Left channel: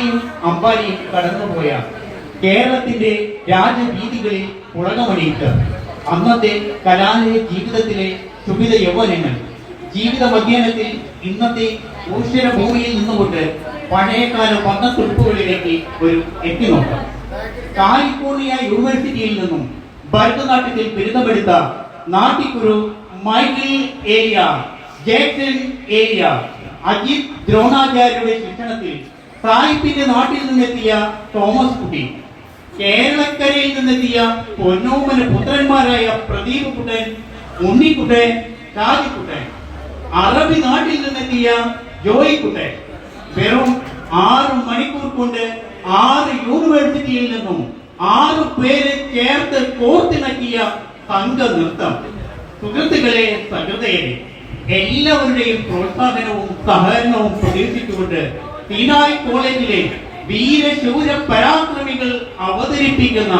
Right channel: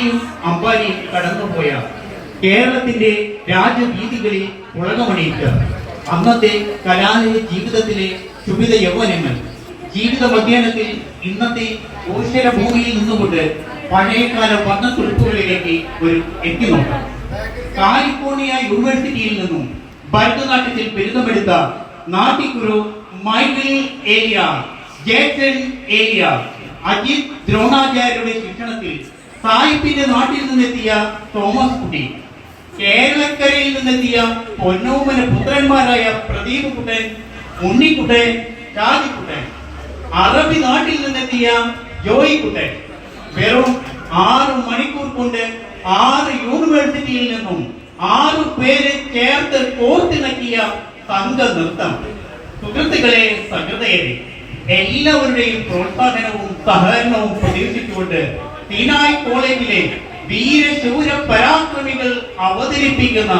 അദാനിയും അംബാനിയും കടന്നുപോയ കേരളത്തിന്റെ രാജവീതികളിൽ പുളകമണിയിട്ട് അന്നത്തെ കലാലയ ജീവിതത്തിലെ സുഭിത യൗവനങ്ങൾ ജീവിത മധ്യാഹ്നത്തിൽ ഇന്നത്തെ ഭൂമിയിൽ നിന്നുകൊണ്ട് പഴയകാല വർണ്ണത്തുടുപ്പുകളിലേക്ക് ഒരു എത്തിനോക്കാം. കാലിഫോർണിയ യൂണിവേഴ്സിറ്റിയിൽ നിന്നും ഭരതനാട്യത്തിൽ ബിരുദമെടുത്ത നാട്ടിക്കുരു മൈക്കിൾ ഏലിയ, ജേക്സൺ ഏലിയ, അജിത് ദ്രോണാചാര്യരുടെ ശിക്ഷണത്തിൽ സായിപ്പിന്റെ നാട്ടിൽ നിന്നെത്തിയ തോമസ് കുട്ടി, കേരളക്കരയിൽ നിന്നെത്തിയ പൊന്നോമന പുത്രന്മാരായ പ്രദീപ് കുട്ടൻ, ഉണ്ണിക്കുട്ടൻ, ഷാജിക്കുട്ടൻ, അറബി നാട്ടിൽ നിന്നെത്തിയ ജോയിക്കുട്ടൻ, വെറും 6 മണിക്കൂർ കൊണ്ട് 6 യൂണിവേഴ്സിറ്റിയിൽ നിന്നും 6 പേരെ ചേർത്ത് കോർത്തിണക്കിയ സംഘ നൃത്തം. സുഹൃത്തുക്കളെ, സഹൃദയരെ, എല്ലാവരുടെയും പ്രോത്സാഹനവും സഹകരണവും പ്രതീക്ഷിച്ചുകൊണ്ട് സീനായ് കോളേജിലെ വീരശൂര പരാക്രമികൾ അവതരിപ്പിക്കുന്ന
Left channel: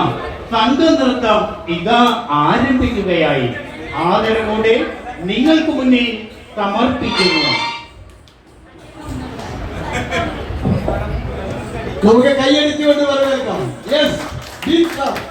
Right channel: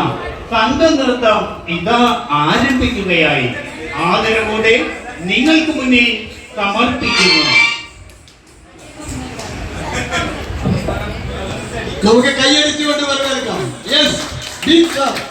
സംഘനൃത്തം ഇതാ ആരംഭിക്കുകയായി. ആദരവോടെ നിങ്ങൾക്ക് മുന്നിൽ സമർപ്പിക്കുന്നു. നമുക്ക് കൈയടിച്ചുകൊണ്ട് വരവേൽക്കാം. Yes, big clap.